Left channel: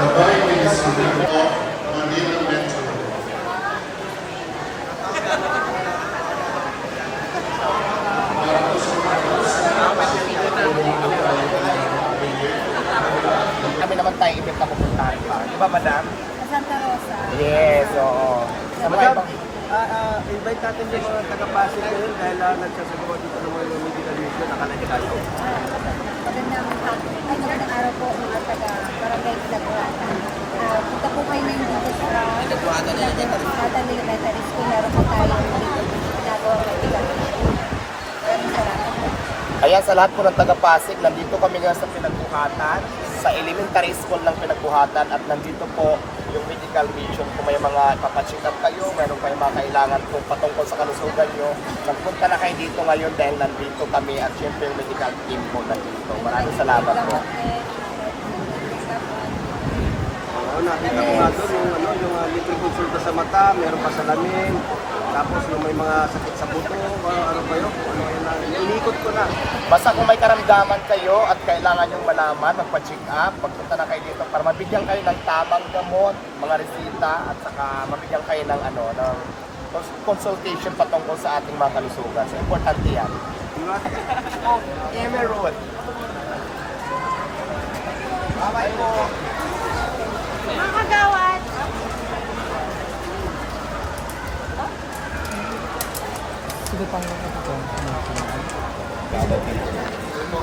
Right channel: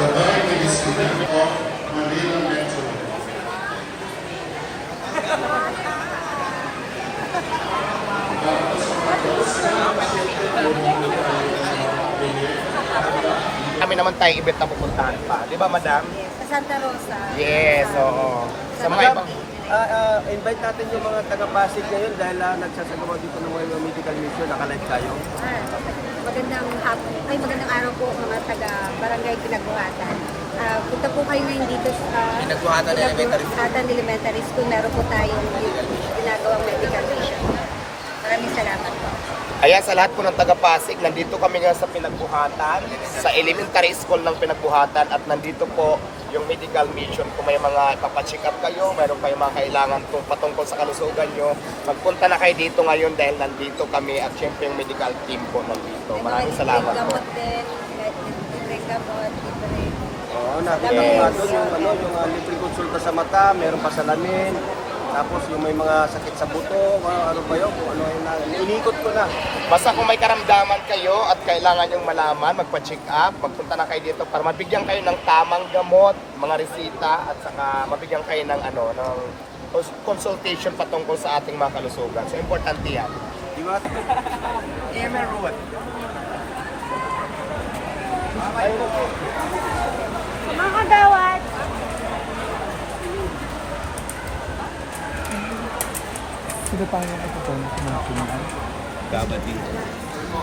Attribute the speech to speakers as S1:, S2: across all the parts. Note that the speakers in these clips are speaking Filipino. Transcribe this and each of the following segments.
S1: Gabay may discipline o Manila Metro.
S2: Kami naman tayong event na pupuntahan pa. Di ba, madam?
S3: Sa Santa Rosa.
S2: Yes, oo. Sa mga ibang...
S4: Ah, ah, invite natin yung mga taga-Pasig ngayon dahil lang nagsasagawa dito ng mga medical mission na kanadilan.
S3: Ah, Magandang hapon. Ay, magandang araw po mga taga Barangay Pinagbuhatan. Ah, punta po kayo ngayon dito sa
S4: Pinagbuhatan Elementary School.
S3: Meron po tayong dito ginagawang medical mission. Maraming salamat.
S2: Ayan, sa lahat po ng taga-Pasig, nandito kami nga sa Pinagbuhatan, sa elementary school ng Pinagbuhatan, at nandito po yung medical mission. Kung may mga papacheck up kayo, mayroon kayong mga kailangan tung patungkol sa kalusugan nyo, magpunta na kayo dito ngayon dahil nandito kami at syempre yung medical team po nandito. Maraming salamat po.
S3: Din. Libreng
S4: konsulta sa mata, meron ka sa lamin, tapos yung may mga sakit sa buko, mga ano ba yun, mga ulikot ko na.
S2: Basta kung may karamdaman kayo at kailangan yung malaman, magpa-check up, magpunta na kayo dito para mabigyan kayo ng tamang gamot, mga resita, at saka mabigyan kayo ng ano, ng cons- consultation patungkol sa ating mga kalusugan. So, importante yan. Emerald. Bye po.
S4: Gabatin.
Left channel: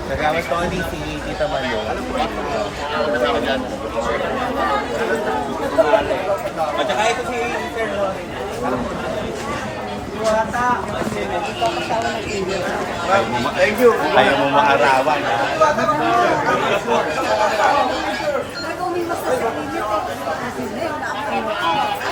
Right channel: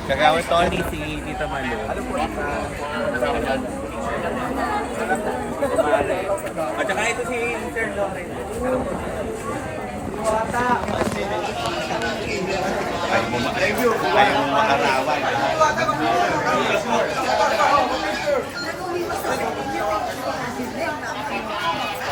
S4: Kagawad Tony, si Tita Malo. At saka ito si Sir Lore. Ayaw mo, ma- ayaw mo maarawan.
S5: Lawrence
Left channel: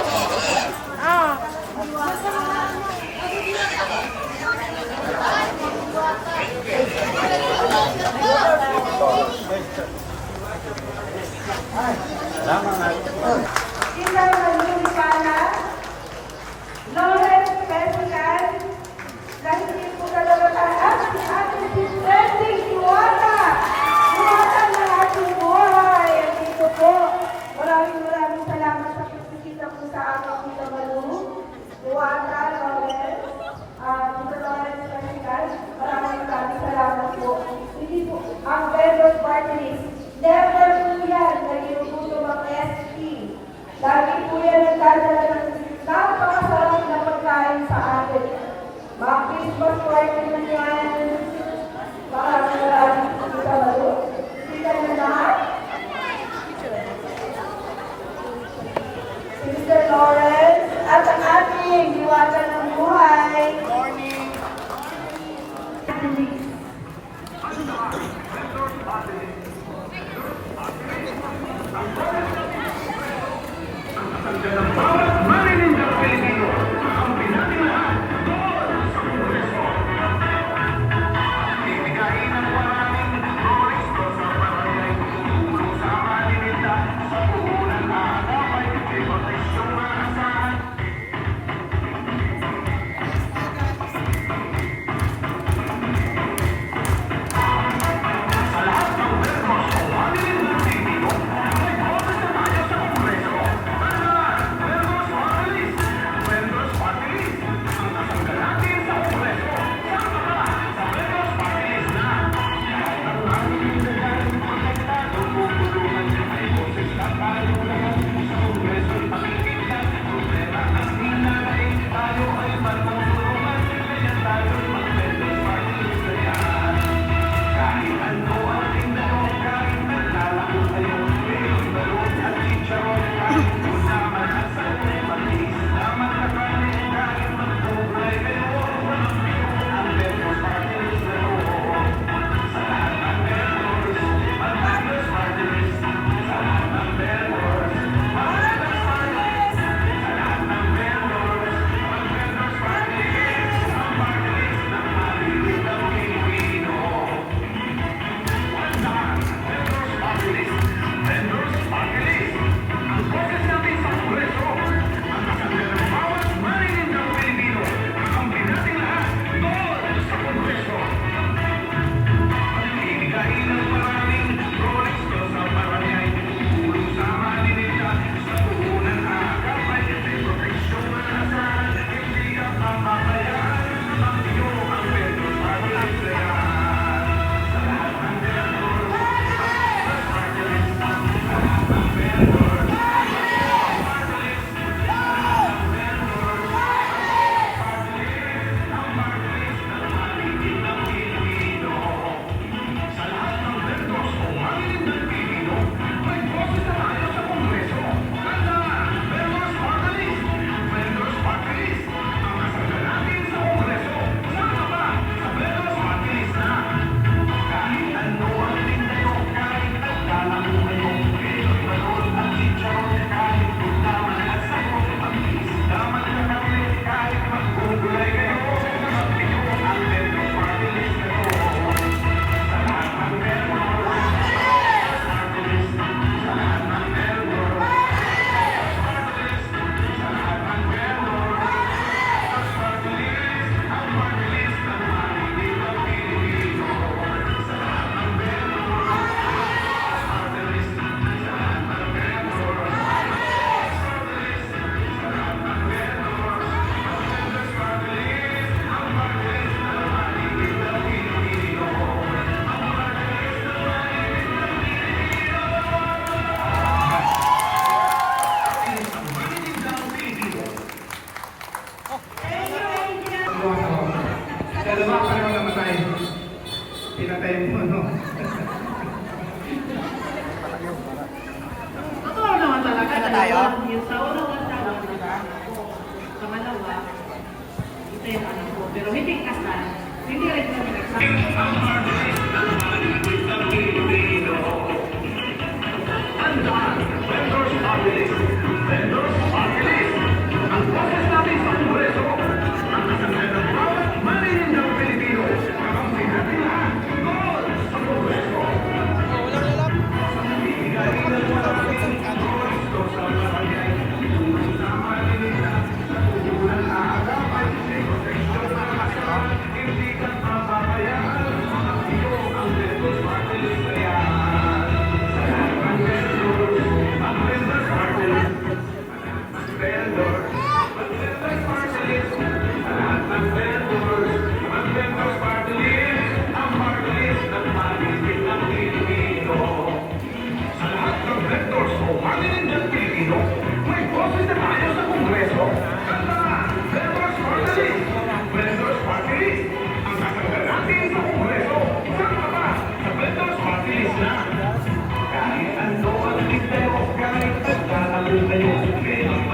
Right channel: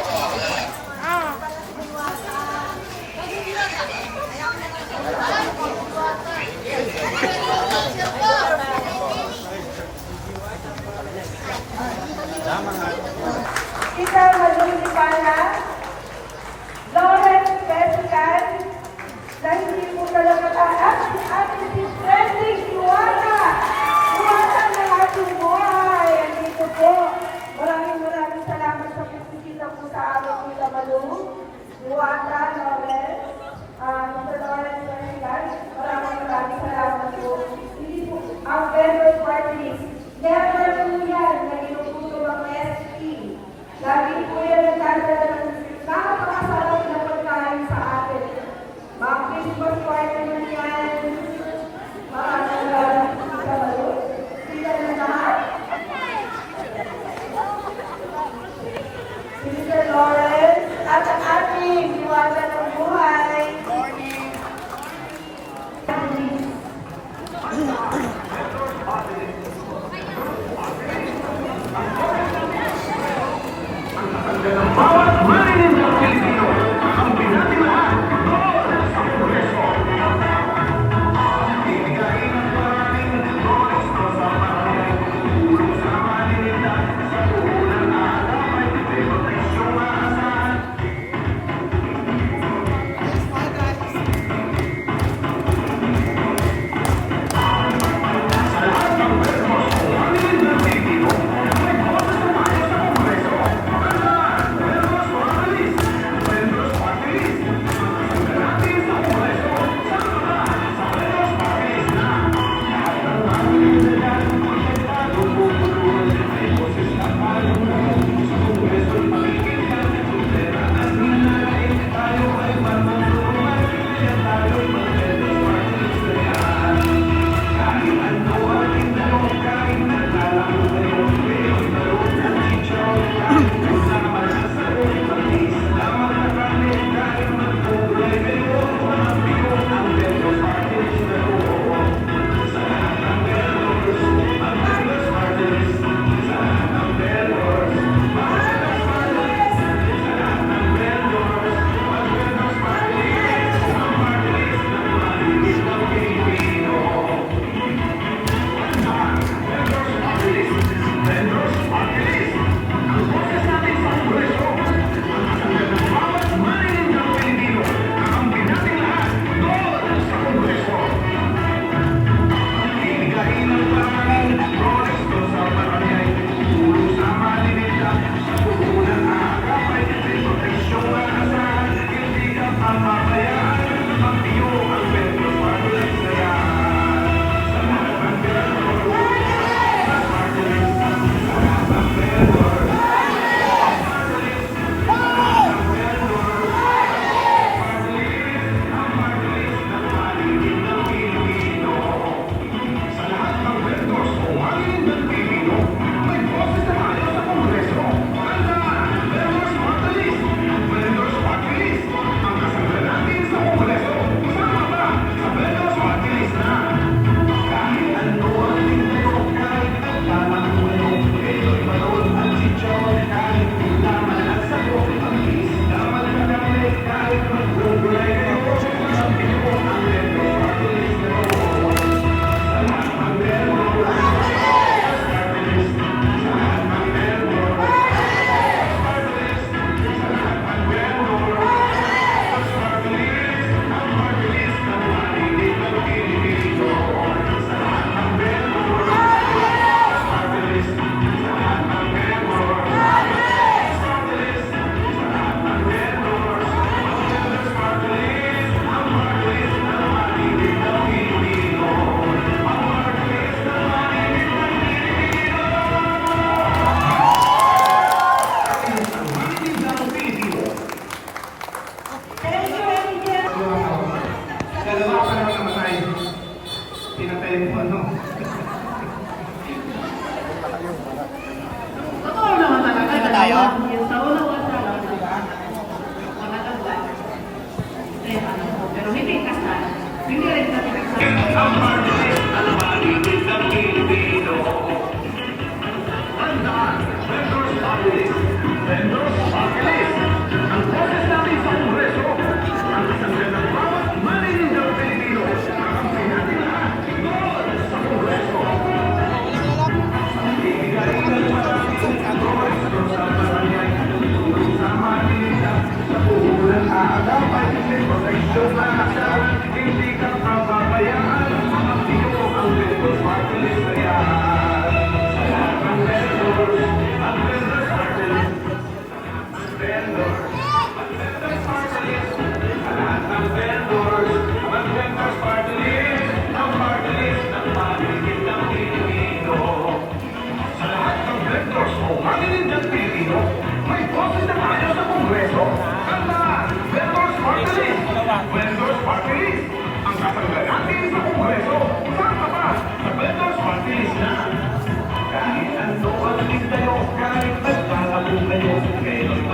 S5: আমার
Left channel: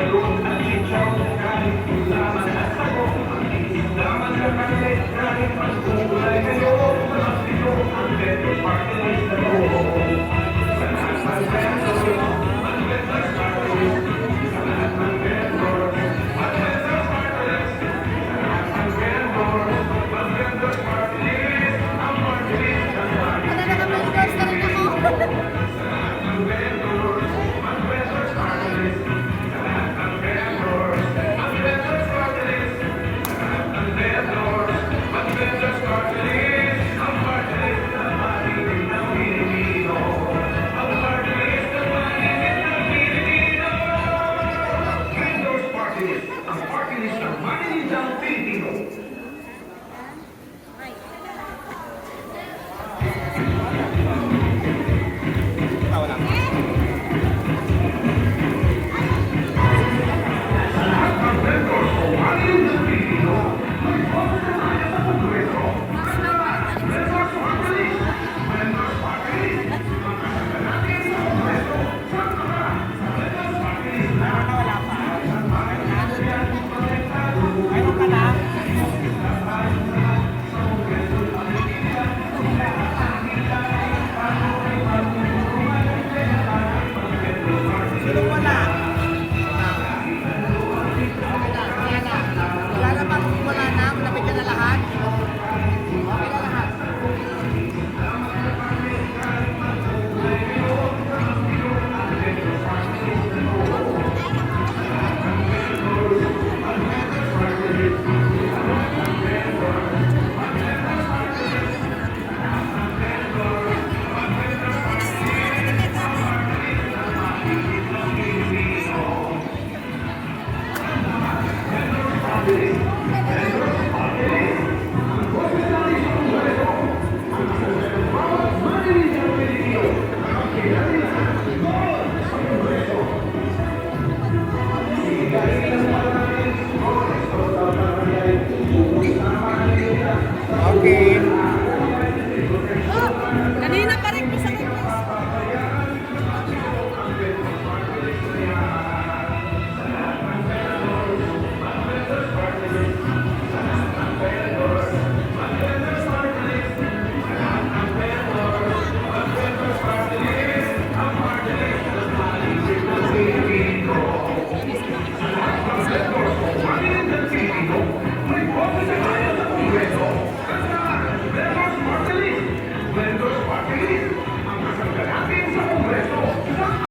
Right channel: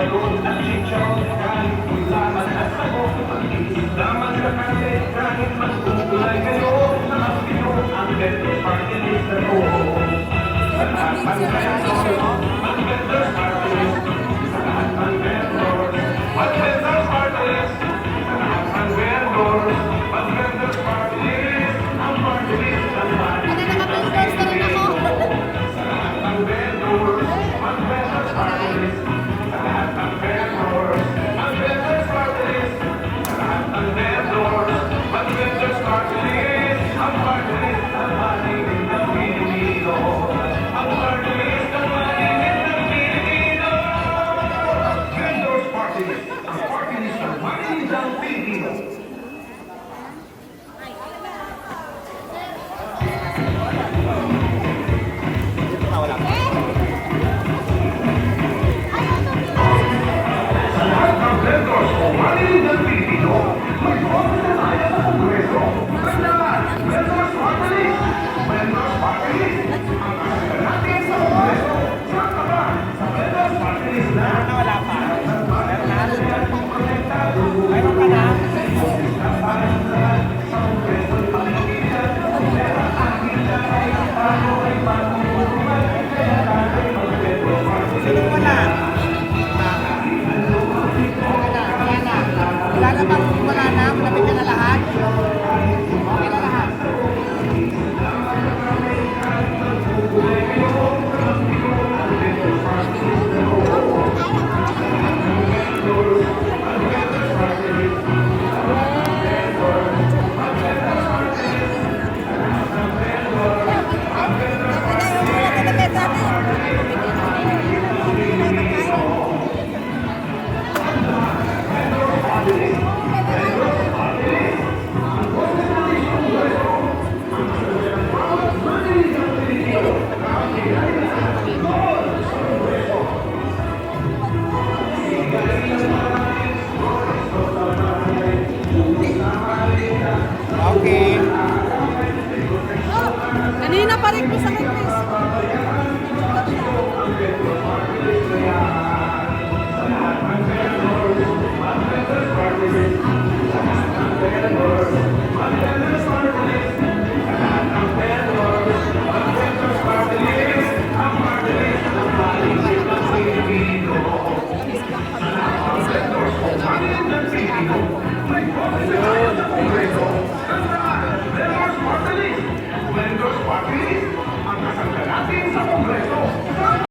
S5: Ngayon ang
S6: litsyon kahit ulaman at
S3: ako
S7: Isip naman
S6: sa
S7: kahit kahit magpunta